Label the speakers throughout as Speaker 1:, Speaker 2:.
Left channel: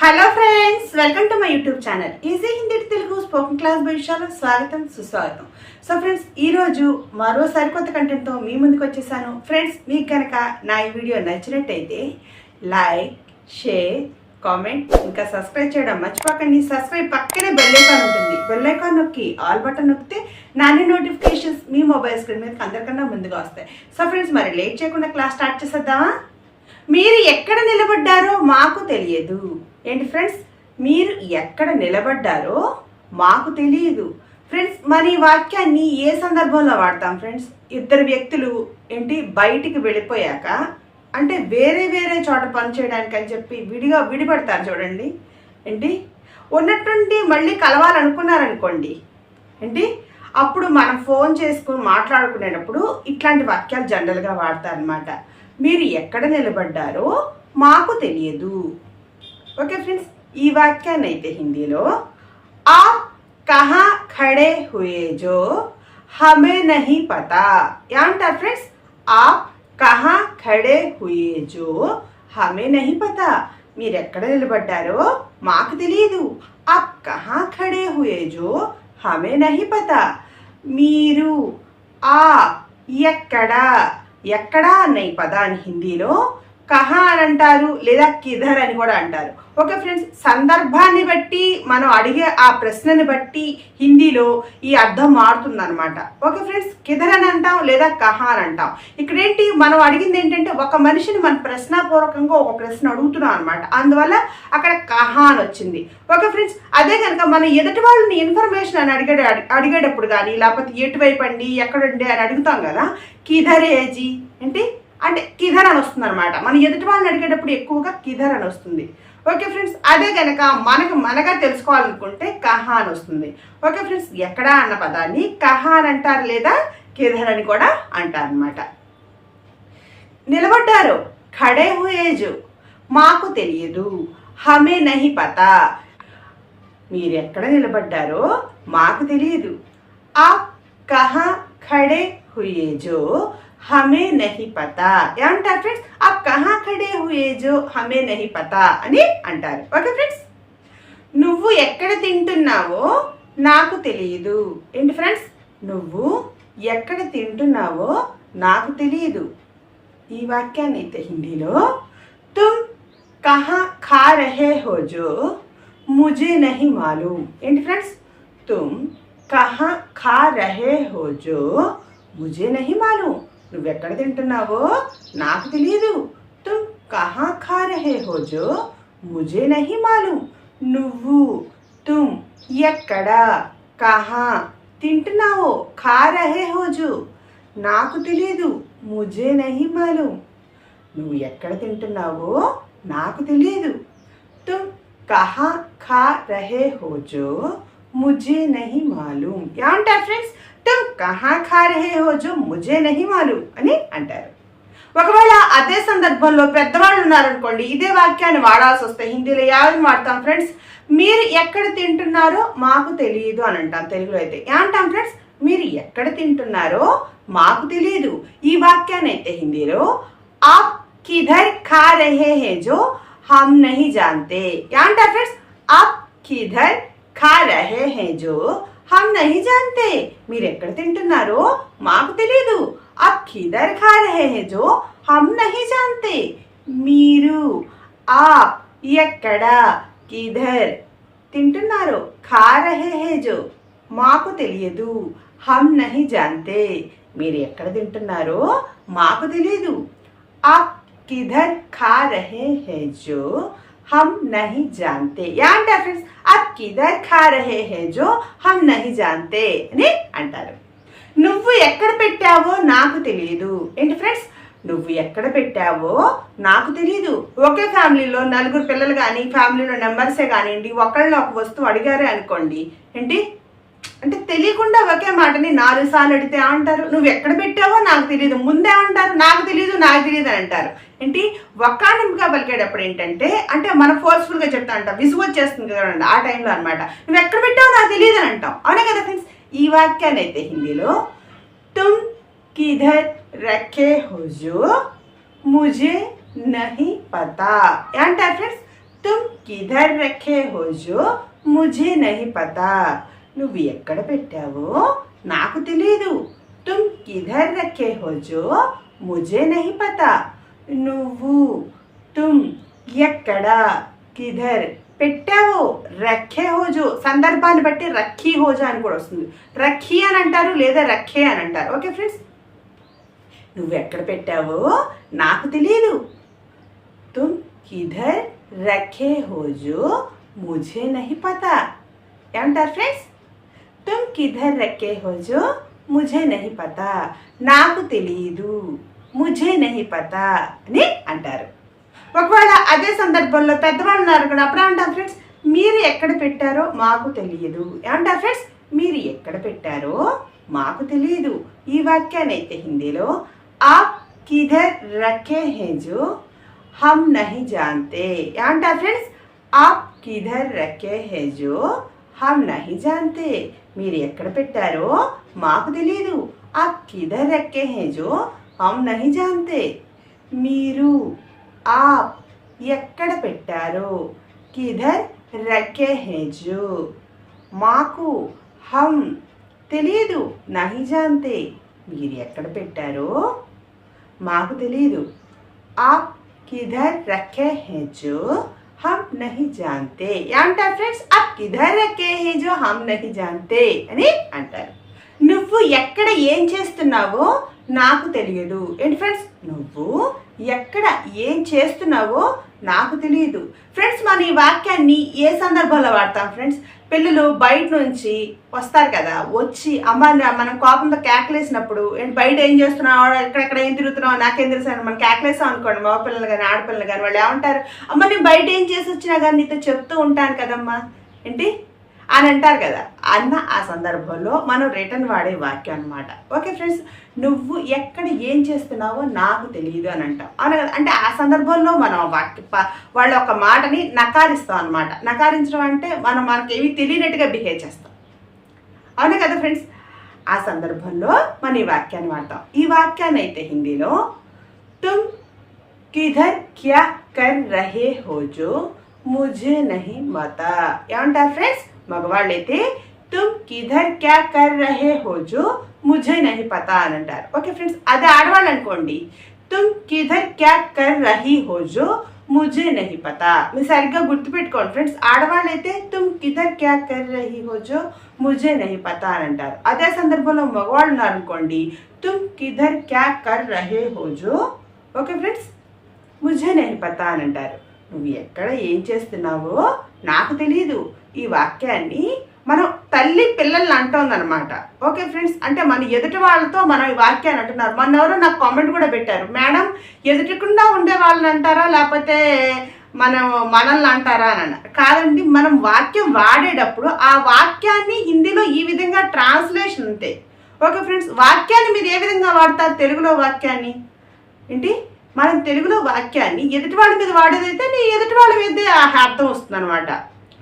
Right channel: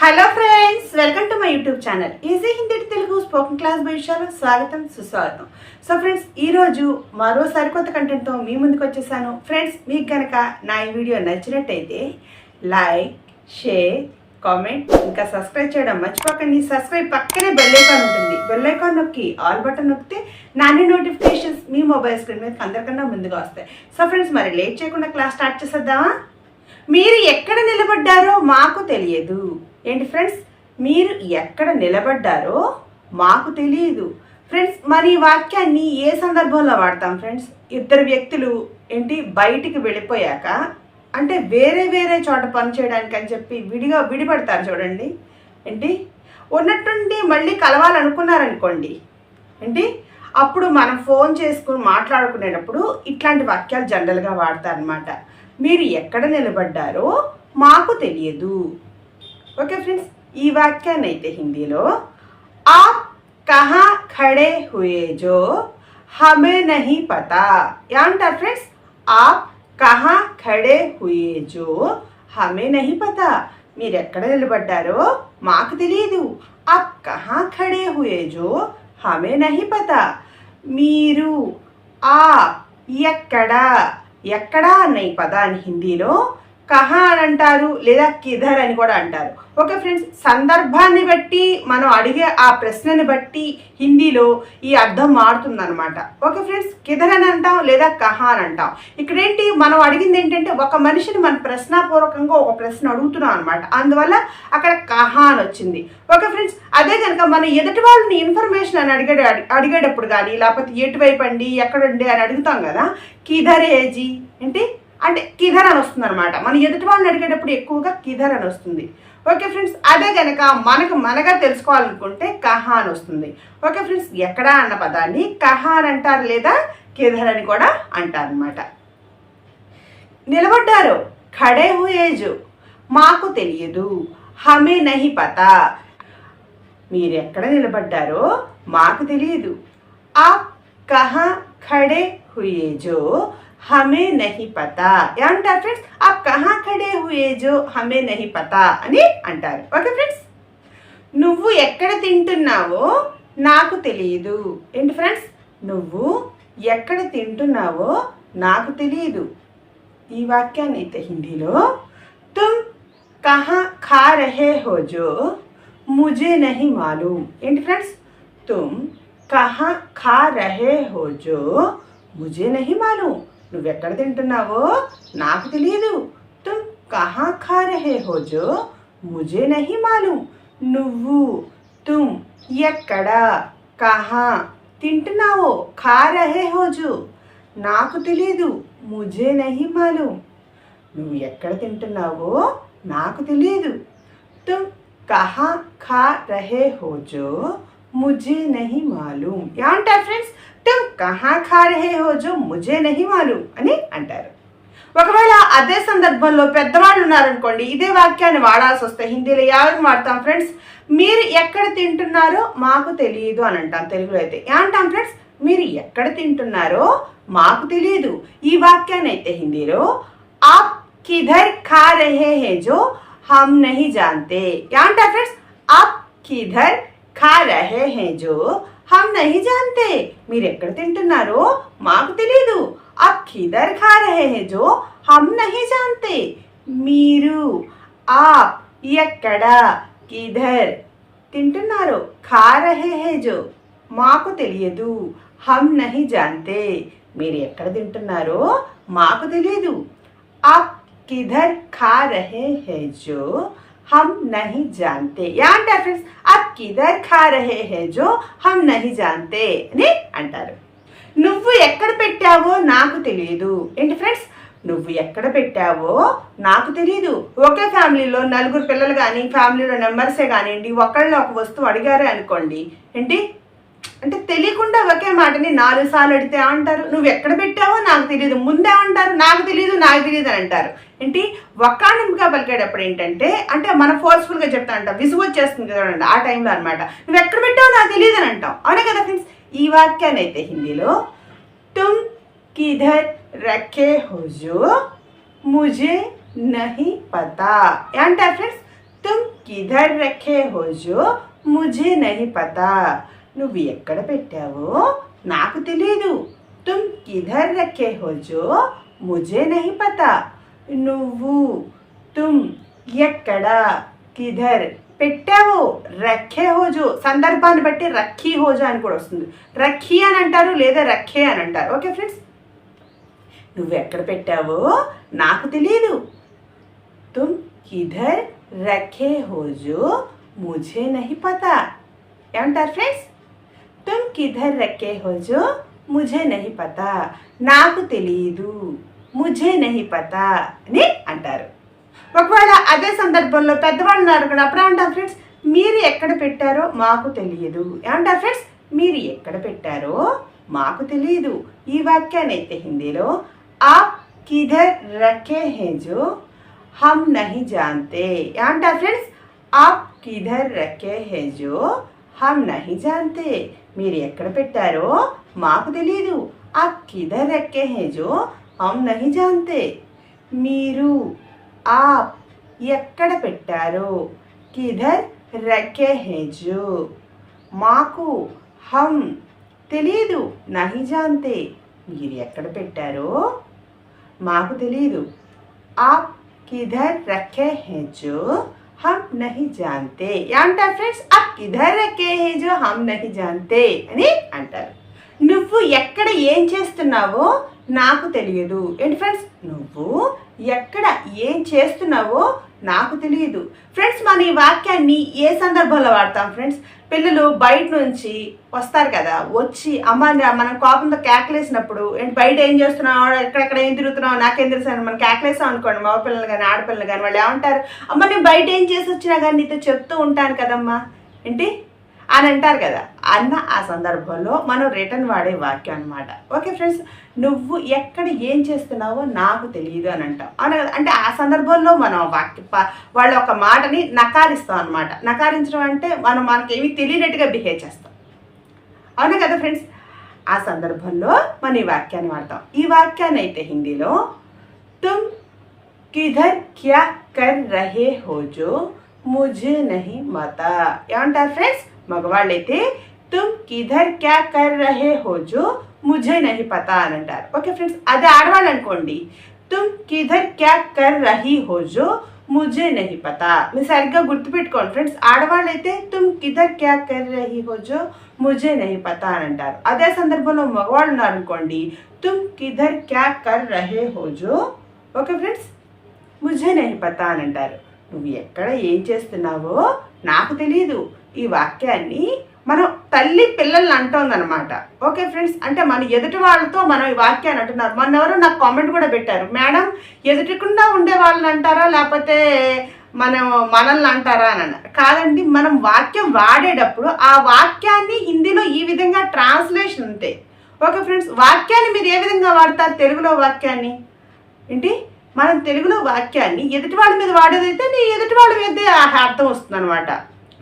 Speaker 1: Hello friends welcome to my YouTube channel. Easy Hindi Telugu spoken class భవిష్యాలు స్వాగతం సుస్వాగతం. So friends ఈ రోజు మరో సరికొత్త కంటెంట్తో మీ ముందుకు వచ్చేసాను. ఫ్రెండ్స్ మీకు కనుక నా ఈ వీడియో నచ్చినట్టయితే లైక్ షేర్ కామెంట్ ఇంకా సబ్స్క్రైబ్ చేయడం మర్చిపోకండి. సబ్స్క్రైబ్ పక్కనే బెల్ ఐకాన్ ఉంటుంది. బెల్ ఐకాన్ నొక్కి ఆల్ బటన్ నొక్కితే నాని నోటిఫికేషన్స్ మీ మొబైల్ స్క్రీన్ మీద అందరికన్నా ముందుగా వస్తాయి. సో ఫ్రెండ్స్ మరి లేట్ చేయకుండా క్లాస్ స్టార్ట్ చేసేద్దామా? మీరు ఎక్కడ నిలబడ్డారో మాకు తెలియదు. ఏంటి ఫ్రెండ్స్? మీరు ఎక్కడ నిలబడ్డారో మాకు తెలియదు ఫ్రెండ్స్ మరి ఈ వాక్యాన్ని ఏ సందర్భంలో వాడతాం ఫ్రెండ్స్? ఇద్దరు వ్యక్తులు ఏంటి బయటికి వెళ్ళిపోయాక అంటే వేరే వేరే చోట పని చేయడానికి అని చెప్పి విడిగా విడిపడతారు చూడండి. ఏంటి? ఉన్నట్టుండి మళ్ళీ కలవాలనుకున్నారనుకోండి. ఏంటి? అప్పుడు మనం ఫోన్ చేసుకుని మాట్లాడుకునేటప్పుడు ఇట్లాంటి వాక్యాలు జనరల్గా వాడతారనమాట మీరు ఎక్కడ నిలబడ్డారో మాకు తెలియదు. ఓకే ఫ్రెండ్స్ ఈ వాక్యాన్ని అయితే హిందీలో ఆప్ కహా ఖడే హుయే జో హమే నహీ పతా. ఏమంటారు ఫ్రెండ్స్ ఆప్ కహా ఖడే హుయే జో హమే నహీ పతా. మీరు ఎక్కడ నిలబడ్డారో మాకు తెలియదు ఆప్ కహా ఖడే హుయే జో హమే నహీ పతా. మీరు ఆ ఎక్కడ? ఎక్కడా? అన్న ఈ పదాన్ని హిందీలో కహా అని అంటారు లేదా కిధర్ అని కూడా అంటారు. ఓకే ఫ్రెండ్స్ సందర్భాన్ని బట్టి మనం అడిగే ఆ ప్రశ్నని బట్టి హిందీలో ఈ అర్థం మారుతుంది అనమాట ఓకే ఫ్రెండ్స్ కిధర్ అని అంటాం లేదా కహా అని అంటాం. ఇక్కడ ఏంటి మనం అడిగింది ఏంటంటే ఒక మనిషిని మన ప్రశ్నాపూర్వకంగా ఒక ప్రశ్న అడుగుతున్నాం అనమాట అందువల్ల అక్కడ కహా అని వచ్చింది. ఓకే ఫ్రెండ్స్ అదే కనుక మనం ఎదుటి వాళ్ళని ఇన్ఫర్మేషన్ అని అడిగే అడిగేటప్పుడు కానీ లేకపోతే ఎటువైపు అండి ఎక్కడండి అని అడుగుతాం కదా కిధర్ ఏజీ అంటే అంటే కిధర్ అని వస్తుంది అనమాట మన ఎదుటి వాళ్ళని అడిగేటప్పుడు ఎక్కువగా కిధర్ అని వస్తుంది. ఓకే ఫ్రెండ్స్ అదే కనుక మనకు మనగా తెలుసుకోవాలనుకుంటే కహా అని వస్తుంది. ఓకే ఫ్రెండ్స్ ఎక్కడా అన్న పదాన్ని కహా అని అంటారు లేదా కిధర్ అని కూడా అంటారు అనమాట నిలబడ్డారు. ఖడే హుయేజు మాకు తెలియదు. హమే నహి పతా. మీరు ఎక్కడ నిలబడ్డారో మాకు తెలియదు. ఆ కహా ఖడే హుయేజో హమే నహి పతా ఏమంటారు ఫ్రెండ్స్ ఆ కహా ఖడే హుయే జో హమే నహి పతా అని అంటారు ఓకే ఫ్రెండ్స్ నువ్వు ఎక్కడ తింటున్నావో నాకు తెలియదు. ఏంటి ఫ్రెండ్స్ నువ్వు ఎక్కడ తింటున్నావో నాకు తెలియదు. ఈ వాక్యాన్ని అయితే హిందీలో తుమ్ కహా ఖా రహే హో జో ముజే నహి మాలూమ్. ఏంటి ఫ్రెండ్స్ తుమ్ కహా ఖా రహే హో జో ముజే నహి మాలూమ్. నువ్వెక్కడ తింటున్నావో నాకు తెలియదు తుమ్ కహా ఖా రహే హోజో ముజే నహి మాలూమ్ నువ్వు తుమ్ ఎక్కడ కహా తింటున్నావో ఖా రహే హోజు నాకు తెలియదు ముజే నహి మాలూమ్ నువ్వు ఎక్కడ తింటున్నావో నాకు తెలియదు తుమ్ కహా ఖా రహే హోజో ముజే నహి మాలూమ్ ఏమంటారు ఫ్రెండ్స్ तुम కహా ఖా జో ముజే నహి మాలు అని అంటారు. ఒకవేళ అదే సందర్భంలో పెద్దవాళ్ళు ఉన్నారనుకోండి ఇదే వాక్యాన్ని వాడాల్సి వస్తే హిందీలో ఎవరిని వాడతాం ఫ్రెండ్స్. మీరు ఎక్కడ తింటున్నారో మాకు తెలియదు అని అంటాం తెలుగులో అయితే. ఏమంటాం ఫ్రెండ్స్? మీరు ఎక్కడ తింటున్నారో మాకు తెలియదు. ఈ వాక్యాన్ని అయితే హిందీలో ఆప్ కిధర్ ఖా రహే హే జో హమ్ నహి జాంతే ఏమంటారు ఫ్రెండ్స్? ఆప్ కిధర్ ఖా రహే హే జో हम नहीं जानते మీరు ఎక్కడ తింటున్నారో మాకు తెలియదు आप किधर खा रहे हैं जो हम नहीं जानते మీరు आप ఎక్కడ కిధర్ తింటున్నారు ఖా రహే హే జో మాకు తెలియదు హమ్ నహి జాంతే మీరు ఎక్కడ తింటున్నారో మాకు తెలియదు ఆప్ किधर खा रहे हैं जो हम नहीं जानते ఏమంటారు ఫ్రెండ్స్ आप किधर खा रहे हैं जो हम नहीं जानते అని అంటారు నువ్వు ఎక్కడ పెట్టావో నాకు తెలియదు ఏంటి ఫ్రెండ్స్ నువ్వు ఎక్కడ పెట్టావో నాకు తెలియదు ఒకే ఫ్యామిలీలో నలుగురు పిల్లలు కానీ ఫ్యామిలీలో నెంబర్సే కానివ్వండి ఒకళ్ళని ఒక వస్తువు అడిగారే అనుకోండి ఏంటి అంటే తెలియకుండా ఒకే మాటని నాలుగు సార్లు అడితే అంటారు నువ్వు ఎక్కడ పెట్టావో నాకు తెలియదు ముందే అంటారు. నాకు తెలియదు నాకు తెలియదు అని అంటారు. ఏంటి? ఒక్కానింపుగా పలికేటప్పుడు ఏంటంటే అంటే మన ఫోర్స్ఫుల్గా చెప్తా అంటాం. విసుగు వచ్చేస్తుంది చూడండి ఆ టైంలో అనమాట నువ్వు ఎక్కడ పెట్టావో నాకు తెలియదు అని అంటాం. అవునా కదా ఫ్రెండ్స్ ఈ వాక్యాన్ని అయితే హిందీలో తుమ్ కిధర్ రఖే హుజో ముజే నహి పతా అంటారు ఫ్రెండ్స్ తుమ్ కిధర్ రఖే హుజో ముజే నహి పతా నువ్వు ఎక్కడ పెట్టావో నాకు తెలియదు తుమ్ కిధర్ రక్కే హోజో ముజే నహి పతా. నువ్వు తుమ్ ఎక్కడ కిధర్ పెట్టావు రఖే హోజో. సందర్భాన్ని బట్టి రఖీ హోజో అని కూడా వస్తుంది. రఖీ అని అంటారు లేదా రఖే అని అంటారు. Okay friends? నువ్వు ఎక్కడ పెట్టావో నాకు తెలియదు తుమ్ కిధర్ రఖే హోజో ముజే నహి పతా. ఏమంటారు ఫ్రెండ్స్? తుమ్ కిధర్ रखे हो ముజే నహి పతా నాకు తెలియదు ముజే నహి పతా అని అంటారు. ఒకవేళ అదే సందర్భంలో పెద్దవాళ్ళు ఉన్నారు కదా అప్పుడు అంటారు ఫ్రెండ్స్ మీరు ఎక్కడ పెట్టారో మాకు తెలియదు ఏమంటారు ఫ్రెండ్స్ మీరు ఎక్కడ పెట్టారో మాకు తెలియదు ఈ వాక్యాన్ని అయితే హిందీలో ఆప్ కిధర్ రకే హే జో హమ్ నహి జాంతే. ఏమంటారు ఫ్రెండ్స్ ఆప్ కిధర్ రకే హే జో హమ్ నహి జాంతే. మీరు ఎక్కడ పెట్టారో మాకు తెలియదు ఆ కిధర్ రఖే హే జో హమ్ నహి జాంతే. మీరు ఆప్ ఎక్కడ పెట్టారో కిధర్ రక్కే హే జో మాకు హమ్ తెలియదు నహి జాంతే. మీరు ఎక్కడ పెట్టారో మాకు తెలియదు ఆప్ కిధర్ రక్కే హే జో హమ్ నహి జాంతే అంటారు ఫ్రెండ్స్ అప్ కిధర్ రఖే హే జో హమ్ నహి జాంతే అని అంటారు నువ్వు ఎక్కడ ఏం చేస్తున్నావో నాకు తెలియదు. ఏంటి ఫ్రెండ్స్ నువ్వు ఎక్కడ ఏం చేస్తున్నావో నాకు తెలియదు. ఫ్రెండ్స్ మన ఈ వాక్యాన్ని ఏ సందర్భంలో వాడతాం ఫ్రెండ్స్ పిల్లలు బయట నుంచి వస్తారు కదా వచ్చి అమ్మ మనం కోపంతో కేకలేసినప్పుడు ఏంటి బయట ఏం చేస్తున్నావు? ఎక్కడెక్కడ ఏం తిరుగుతున్నావు? నాకేం తెలుసు? మనం కేకలేసాం అనుకోండి మగ పిల్లలు కానీ ఆడపిల్లలు కానీ వాళ్ళు ఏమంటారు? అమ్మ నేను బయట ఏం చేసి వచ్చినా కానీ నీతో చెప్తూ ఉంటాను కదమ్మా. ఏంటి? అని అంటారు కదా. అన్న ఆ సందర్భంలో మనం రిటర్న్ వాడే వాక్యం అనమాట ఓకే ఫ్రెండ్స్ నువ్వు ఎక్కడ ఏం చేస్తున్నావో నాకు తెలియదు అని అంటాం. అవునా కదా? అంటే ఆ సందర్భంలో మనం వాక్య వాళ్ళ ఒక మాటని నకారిస్తాం అనమాట నకారించడం అంటే మనం మనకి ఏమి తెలియనట్టుగా బిహేవ్ చేస్తాం. అవునా కదా ఫ్రెండ్స్ ఆ సందర్భంలో మనం ఈ వాక్యాన్ని వాడతాం. ఈ వాక్యాన్ని అయితే హిందీలో తుమ్ కిధర్ క్యా కర్ రహే హోజో ముజే నహి మత. ఏమంటారు ఫ్రెండ్స్ మగవాళ్ళైతే తుమ్ కిధర్ క్యా కర్ రహే హోజో ముజే నహి పతా అని అంటారు ఓకే ఫ్రెండ్స్ అదే ఆడవాళ్ళు అనుకోండి తుమ్ కిధర్ క్యా కర్ రహీ హోజో ముజే నహి పతా మీరు సరిగ్గా గుర్తుపెట్టుకోండి ఫ్రెండ్స్ ఆడవాళ్ళైతే తుమ్ కిధర్ క్యా కర్ రహీ హోజో ముజే నహి పతా అని అంటారు అదే సందర్భంలో మగవాళ్ళు ఉన్నారనుకోండి తుమ్ కిధర్ క్యా కర్ రహే హోజో ఓకే ఫ్రెండ్స్ ముజే నహి పతా అని అంటారు నువ్వు ఎక్కడ ఏం చేస్తున్నావో నాకు తెలియదు ఈ వాక్యాన్ని మనం తల్లి పిల్లల్ని అంటోందనమాట ఓకే ఫ్రెండ్స్? అంటే మన ఎదుటి వాళ్ళతో మనం ఈ వాక్యాన్ని అంటున్నారు. మన ఎవరో నాకు కామెంట్ కూడా పెట్టారు. మేడం ఎదుటికుండా ఉండే వాళ్ళని అంటారా? లేకపోతే మనం మనల్ని అంటారా? అని అన్నారు. కాదండి మనం వాక్యం వాడేటప్పుడు ఆ వాక్యాన్ని హిందీలో ఈ విధంగా ట్రాన్స్లేషన్ ఉంటే. Okay friends? వాక్యాన్ని మీరు ఏ విధంగా వాడతారు? తెలుగులో వాక్యాన్ని? ఏంటి? మనం తెలుగులో వాక్యాన్ని ఎదుటి వాళ్ళ మీద వాడేదైతే నీ ఎదుటి వాళ్ళ మీద అర్థం వస్తుంది అనమాట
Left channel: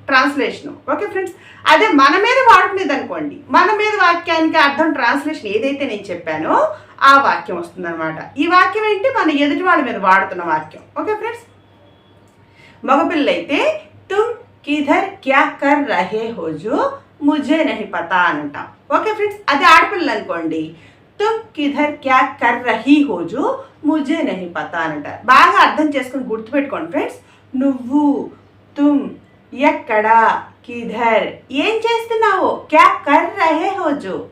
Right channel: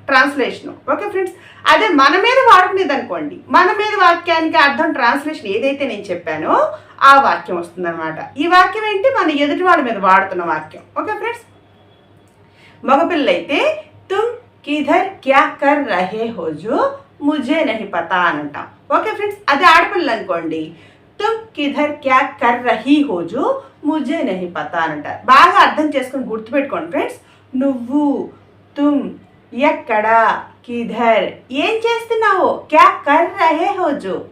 Speaker 1: ట్రాన్స్లేషను. Okay friends? అదే మన మీద వాడుకునేది అనుకోండి మన మీద వాక్యానికి అర్థం ట్రాన్స్లేషన్ ఏదైతే నేను చెప్పానో ఆ వాక్యం వస్తుందన్నమాట. ఈ వాక్యం ఏంటి? మన ఎదుటి వాళ్ళ మీద వాడుతున్న వాక్యం. Okay friends? మగపిల్లైతే తుమ్ కిధర్ క్యా కర్ రహే హోజు ముజే నహి పతా అని అంటాం ఓకే ఫ్రెండ్స్? అదే ఆడపిల్లలు అనుకోండి తుమ్ కిధర్ క్యా కర్ రహీ హోజు ముజే నహి పతా అని అంటారు బాగా అర్థం చేసుకుని గుర్తుపెట్టుకోండి ఫ్రెండ్స్. నువ్వు తుమ్ ఎక్కడ? కిధర్. ఏం చేస్తున్నావు? క్యా కర్ రహే హోజు?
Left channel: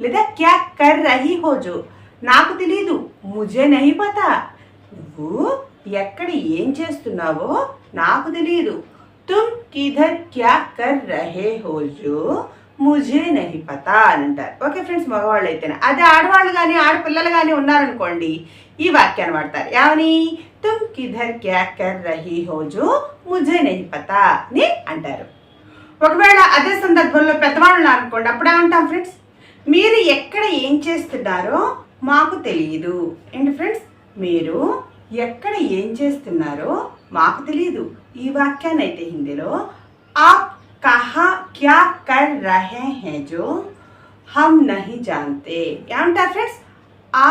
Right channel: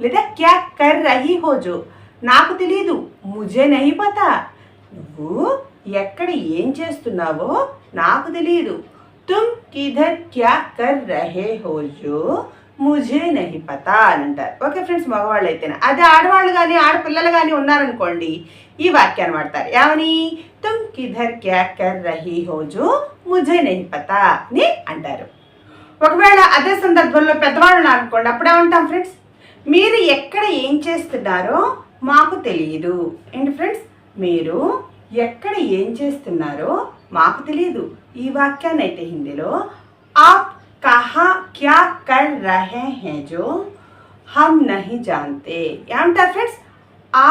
Speaker 1: లేదా క్యా కర్ రహీ హోజు? నాకు తెలీదు. ముజే నహి పతా. నువ్వు ఎక్కడ ఏం చేస్తున్నావో నాకు తెలీదు. తుమ్ కిధర్ క్యా కర్ రహే హోజు? ముజే నహి పతా అని అంటారు. ఓకే ఫ్రెండ్స్ మగవాళ్ళు అయితేనే అదే ఆడవాళ్ళు కానీ ఆడపిల్లలు కానీ ఉన్నారనుకోండి ఈ వాక్యాన్ని వాడతారు. ఏమని? తుమ్ కిధర్ క్యా కర్ రహీ హోజు? ముజే నహి పతా అని అంటారు. ఒకవేళ అదే సందర్భంలో పెద్దవాళ్ళు అనుకోండి అప్పుడు ఏమంటాం ఫ్రెండ్స్? మీరు ఎక్కడ ఏం చేస్తున్నారో మాకు తెలియదు ఏంటి ఫ్రెండ్స్? మీరు ఎక్కడ ఏం చేస్తున్నారో మాకు తెలియదు ఈ వాక్యాన్ని అయితే హిందీలో ఆ కహా క్యా కర్ రహే హే జో హమ్ నహి జాంతే ఏమంటారు ఫ్రెండ్స్? ఆ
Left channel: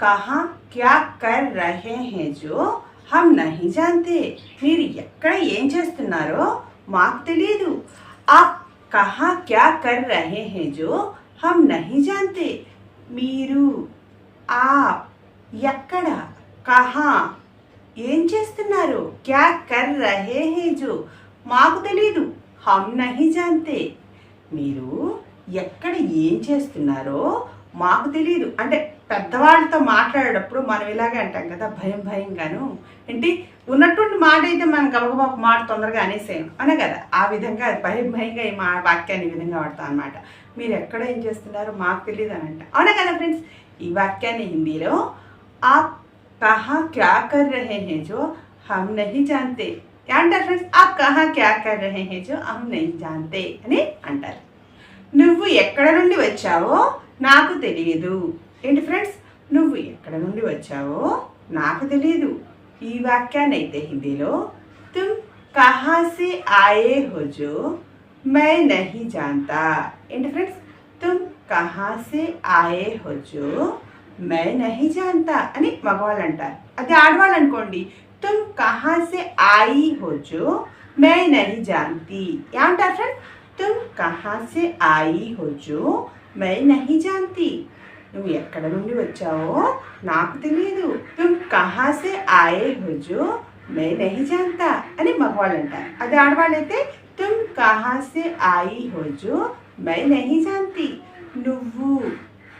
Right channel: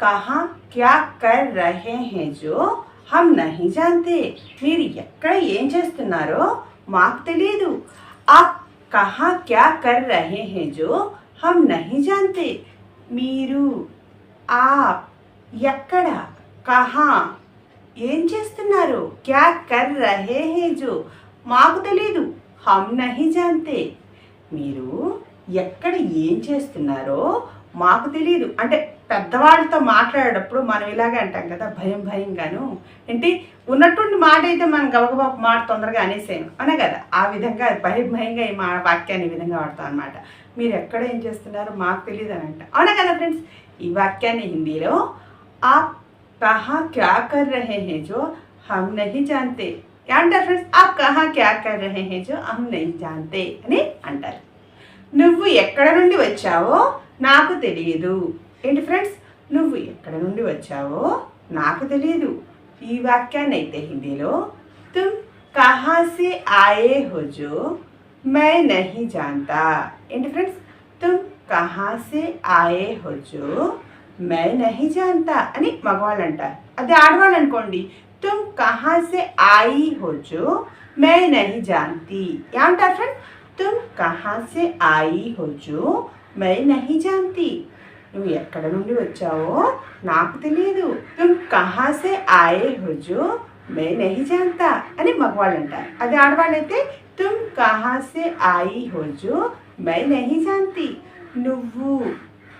Speaker 1: కహా క్యా కర్ రహే హే జో హమ్ నహీ జాంతే మీరు ఎక్కడ ఏం చేస్తున్నారో మాకు తెలియదు ఆ కహా క్యా కర్ రహే హే జో హమ్ నహీ జాంతే మీరు ఆప్ ఎక్కడ కహా ఏం చేస్తున్నారు? క్యా కర్ రహే హే జో మాకు తెలీదు. హమ్ నహీ జాంతే మీరు ఎక్కడ ఏం చేస్తున్నారో మాకు తెలియదు అంటే పెద్దవాళ్ళతో మాట్లాడేటప్పుడు మనం ఇలాగే అంటాం కదా భయం భయంగాను. ఏంటి? ఉన్నటువంటి మాట అయితే మనం గబగబా మాట తొందరగా అనేసేయం అనే కదా? ఆ విధంగా భయం భయంగా ఈ మా వాక్యాన్ని ఈ విధంగా వాడతాం అనమాట మీరు ఎక్కడ ఏం చేస్తున్నారు? మాకు తెలియదు అని అంట అవునా కదా ఫ్రెండ్స్? ఈ వాక్యాన్ని హిందీలో ఆప్ కహా క్యా కర్ రహే హే జో హమ్ నహి జాంతే అంటారు ఫ్రెండ్స్? ఆప్ కహా క్యా కర్ రహే హే జో హమ్ నహి జాంతే అని అంటారు. నువ్వు ఎక్కడ నుండి వచ్చావో నాకు తెలియదు. ఏంటి ఫ్రెండ్స్? నువ్వు ఎక్కడ నుండి వచ్చావో నాకు తెలియదు ఈ వాక్యాన్ని అయితే హిందీలో తుమ్ కహాసే ఆయే హోజో మై నహీ జాంతా. ఏంటి ఫ్రెండ్స్? తుమ్ కహాసే ఆయే హోజో మై నహీ జాంతా అని మగవాళ్ళు అంటారు అదే ఆడవాళ్ళు అనుకోండి తుమ్ కహాసే ఆయి హోజో మై నహీ జాంతి. ఏమంటారు ఫ్రెండ్స్? తుమ్ కహాసే ఆయి హోజో మై నహీ జాంతి. నువ్వు ఎక్కడ నుండి వచ్చావో నాకు తెలియదు తుమ్ కహా ఆయే హో మే నహి జాంతా అని మగవాళ్ళు అంటారు. అది ఆడవాళ్ళైతే తుమ్ కహాసే ఆయి హోజు మై నహి జాంతి. నువ్వు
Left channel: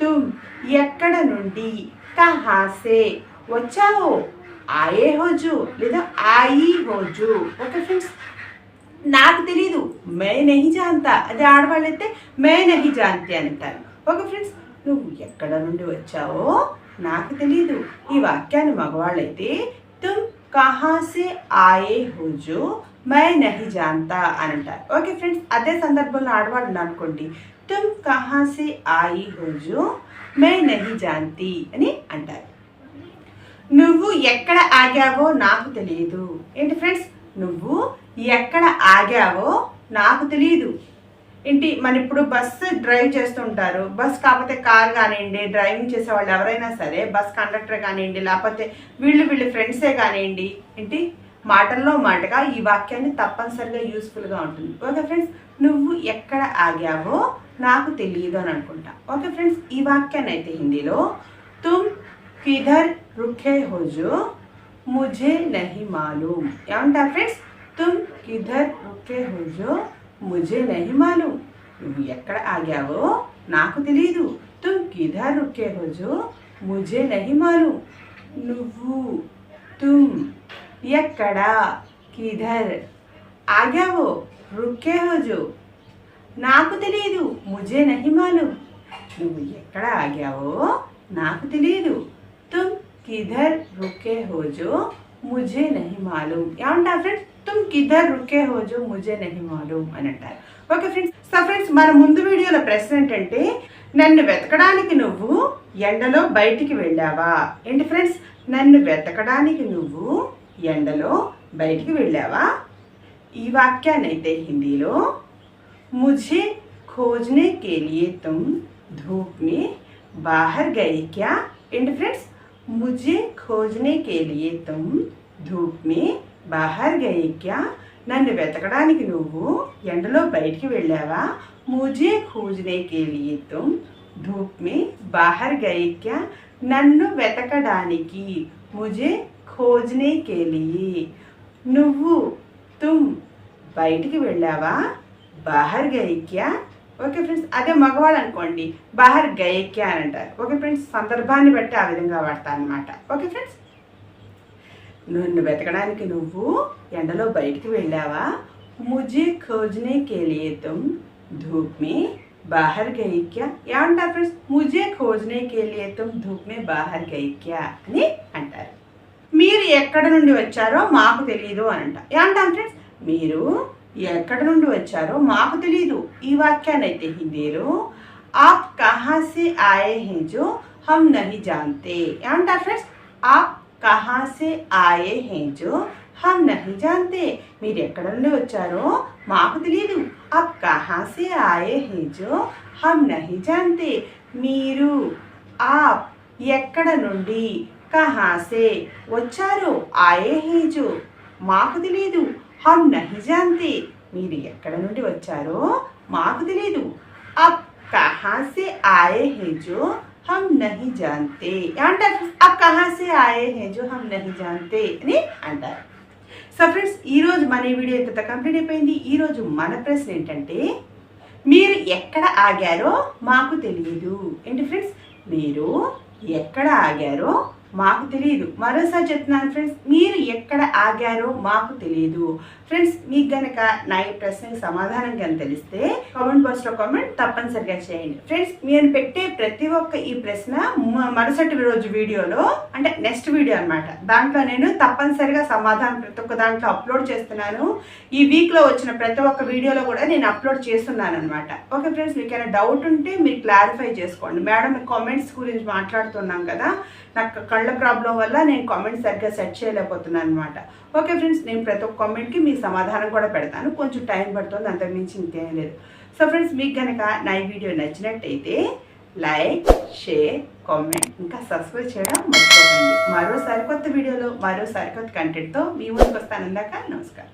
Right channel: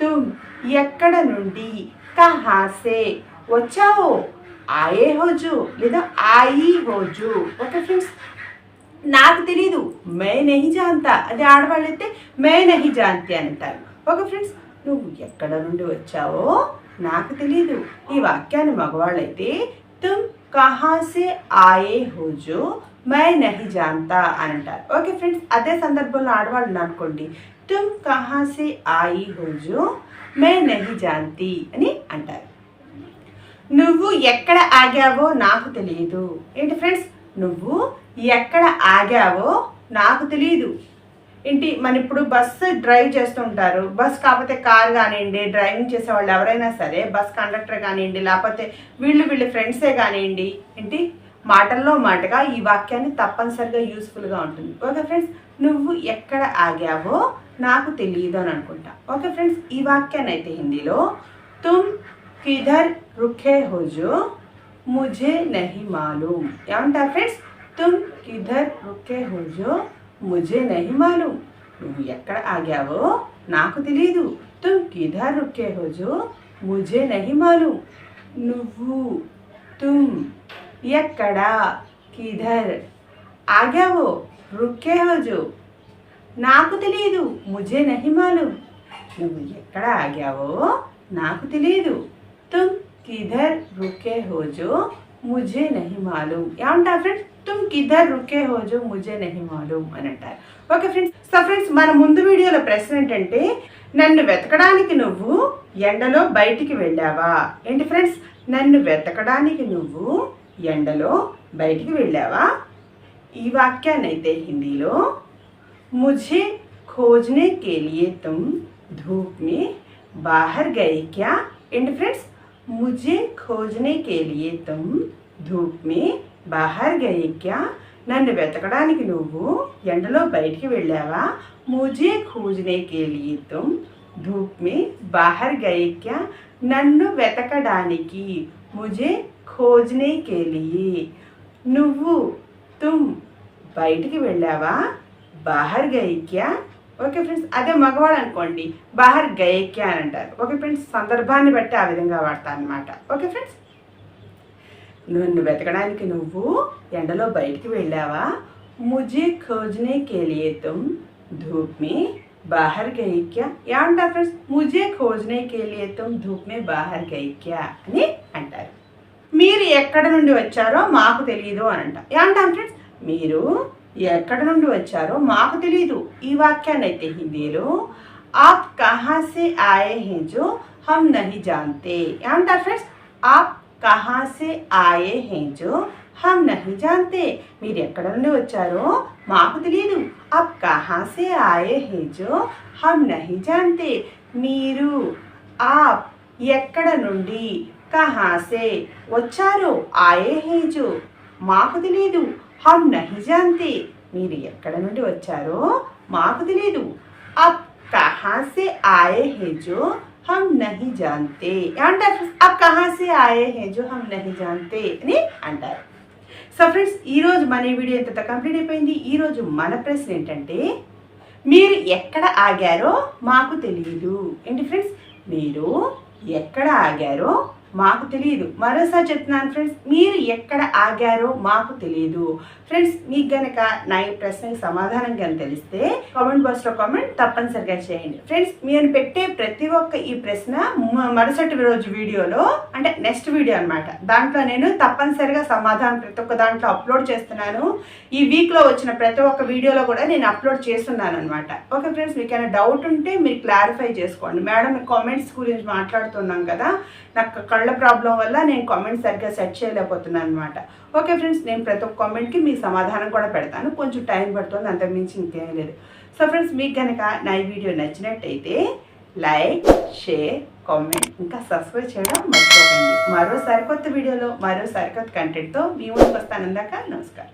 Speaker 1: తుమ్ ఎక్కడ నుండి కహాసే వచ్చావు? వచ్చావో ఆయే హోజు లేదా ఆయి హోజు ఓకే ఫ్రెండ్స్ నాకు తెలీదు. మే నహి జాంతా. అది ఆడవాళ్ళైతే మే నహి జాంతి అంటారు. ఓకే ఫ్రెండ్స్ నువ్వు ఎక్కడ నుండి వచ్చావో నాకు తెలియదు ఈ వాక్యాన్ని మగవాళ్ళైతే తుమ్ కహాసే ఆయే హోజు మై నహి జాంతా అని అంటారు. ఓకే ఫ్రెండ్స్ అదే సందర్భంలో ఆడవాళ్ళు అనుకోండి తుమ్ కహాసే ఆయి హోజు మై నహి జాంతి అని అంటారు. నువ్వు ఎక్కడ ఆగావో నాకు తెలియదు ఏంటి ఫ్రెండ్స్? నువ్వు ఎక్కడ ఆగావో నాకు తెలియదు ఇంటి మన ఇప్పుడు బస్సు డ్రైవ్ చేస్తుంటారు బస్ కాకపోతే కార్ కానివ్వండి డ్రైవింగ్ చేసే వాళ్ళు ఎవరైనా సరే బస్ కండక్టర్ కానివ్వండి లేకపోతే వీళ్ళు వీళ్ళు ఫ్రెండ్సే కానివ్వండి ఏంటి? మాటల్లో మాటగా ఈ వాక్యాన్ని తప్పనిసరిగా యూస్ఫుల్గా ఉంటుంది. Okay friends? నువ్వు ఎక్కడ ఆగావో నాకు తెలియదు అని అనుకుంటా. Okay friends? ఈ వాక్యాన్ని అయితే హిందీలో తుమ్ కిధర్ రుఖే హోజు ముజే నహి మాలూమ్. ఏమంటారు ఫ్రెండ్స్? తుమ్ కిధర్ రుఖే హోజో मुझे नहीं मालूम। आगो तुम किधर रुके हो जो? मुझे नहीं मालूम। तुम यकड़ा किधर आ गया वो, रुके हो जो? नाक मुझे नहीं मालूम। एकड़ा आ नाक तुम किधर रुके हो जो? मुझे नहीं मालूम। क्या फ्रेंड తుమ్ కిధర్ రుకే హోజో ముజే నహి మాలూమ్ అని అంటారు. ఓకే ఫ్రెండ్స్ సో ఫ్రెండ్స్ మన ముందు వీడియోలో ప్రశ్న ఏంటంటే నన్ను వెతకడానికి నువ్వు ఎండలో బయటికి వెళ్ళావా? ఏంటి ఫ్రెండ్స్ నన్ను వెతకడానికి నువ్వు ఎండలో బయటికి వెళ్ళావా? ఈ వాక్యాన్నైతే హిందీలో ముజే ఖోజ్నే కేలియే తుమ్ ధూప్ని धूप గయి క్యా? गए ఫ్రెండ్స్ ముజే फ्रेंड्स मुझे खोजने के लिए బహర్ గయక్యా నన్ను వెతకడానికి నువ్వు ఎండలో బయటికి వెళ్ళావా? ముజే ఖూజనే తుమ్ ధూప్ మే బాహర్ గయక్యా నన్ను వెతకడానికి ముజే ఖోజనే కేలియి నువ్వు తుమ్ బయటికి వెళ్ళావా? బాహర్ గయక్యా ఓకే ఫ్రెండ్స్ అదే మగవాళ్ళు అనుకోండి బహర్ గయక్యా అని అంటారు. ఓకే ఫ్రెండ్స్ సందర్భాన్ని బట్టి ఆ విధంగా వాడతా అనమాట ఓకే ఫ్రెండ్స్ నన్ను వెతకడానికి నువ్వు ఎండలో బయటికి వెళ్ళావా? ముజే ఖోజ్నే కేలియే తుమ్ ధూప్ మే బాహర్ గయి క్యా ఫ్రెండ్స్ ముజే ఖోజ్నే కేలియే తుమ్ ధూప్ మే బాహర్ గయి అని అంటారు. మీరు ఎక్కడ నుండి వచ్చారో మాకు తెలియదు అని అంట ఏమంటాం ఫ్రెండ్స్ మీరు ఎక్కడ నుండి వచ్చారో మాకు తెలియదు ఈ వాక్యాన్ని అయితే హిందీలో ఆప్ కహాసే ఆయే హే జో హమ్ నహి జాంతే ఏమంటారు ఫ్రెండ్స్ ఆప్ కహా సే ఆయే హే జో హమ్ నహీ జాంతే మీరు ఎక్కడ నుండి వచ్చారో మాకు తెలియదు అప్ కహా సే ఆయే హే జో హమ్ నహీ జాంతే మీరు ఆప్ ఎక్కడ నుండి కహాసే వచ్చారో ఆయే హేజు మాకు తెలియదు హమ్ నహి జాంతే మీరు ఎక్కడ నుండి వచ్చారో మాకు తెలియదు అప్ కహాసే ఆయే హేజు హమ్ నహి జాంతే ఏమంటారు అబ్ కహాసే ఆయే హేజు హమ్ నహి జాంతే అని అంటారు సో ఫ్రెండ్స్ ఈరోజు మన వీడియో ఎంత కంప్లీట్ అయిపోయింది ఈరోజు మన ప్రశ్న ఏంటంటే మీరు ఎక్కడ ఆగారో మాకు తెలియదు ఏంటి ఫ్రెండ్స్ మీరు ఎక్కడ ఆగారో మాకు తెలియదు మరోసారి చెప్తున్నాను ఫ్రెండ్స్ మీరు ఎక్కడ ఆగారో మాకు తెలియదు ఫ్రెండ్స్ మీకు గనక నా ఈ ప్రశ్నకు సమాధానం కనుక తెలిస్తే కామెంట్ బాక్స్లో కామెంట్ తప్పనిసరిగా చేయండి. ఫ్రెండ్స్ నేను పెట్టే ప్రతి ఒక్క ఈ ప్రశ్న మరుసటి రోజు వీడియోలో అంటే నెక్స్ట్ వీడియో అనమాట దాంట్లో నేను తప్పనిసరిగా సమాధానం ప్రతి ఒక్క దాంట్లో అప్లోడ్ చేస్తున్నాను. ఈ వీక్లో వచ్చిన ప్రతి ఒక్క వీడియోలో కూడా నేను అప్లోడ్ చేస్తున్నాను అనమాట ఓకే ఫ్రెండ్స్ మీకు ఏమైనా డౌట్ ఉంటే మీరు క్లారిఫై చేసుకోండి. మేడం కామెంట్స్ గురించి మాట్లాడుతున్నాం కదా నాకు కళ్ళ ప్రాబ్లం వల్ల నేను కామెంట్ సరిగ్గా సెట్ చేయలేకపోతున్నాను అనమాట ఓకే ఫ్రెండ్స్ నేను ప్రతి ఒక్క కామెంట్కి మీ సమాధానం కూడా పెడతాను. కొంచెం టైం పడుతుంది అంతకుమించి ఇంకేం లేదు. సో ఫ్రెండ్స్ మీకు కనుక నా ఈ వీడియో నచ్చినట్టయితే లైక్ షేర్ కామెంట్ ఇంకా సబ్స్క్రైబ్ చేయడం మర్చిపోకండి. మరో సరికొత్త వీడియోలో మరో సరికొత్త కంటెంట్తో మీ ముందుకు వస్తాను. ఇందాక నమస్కారం.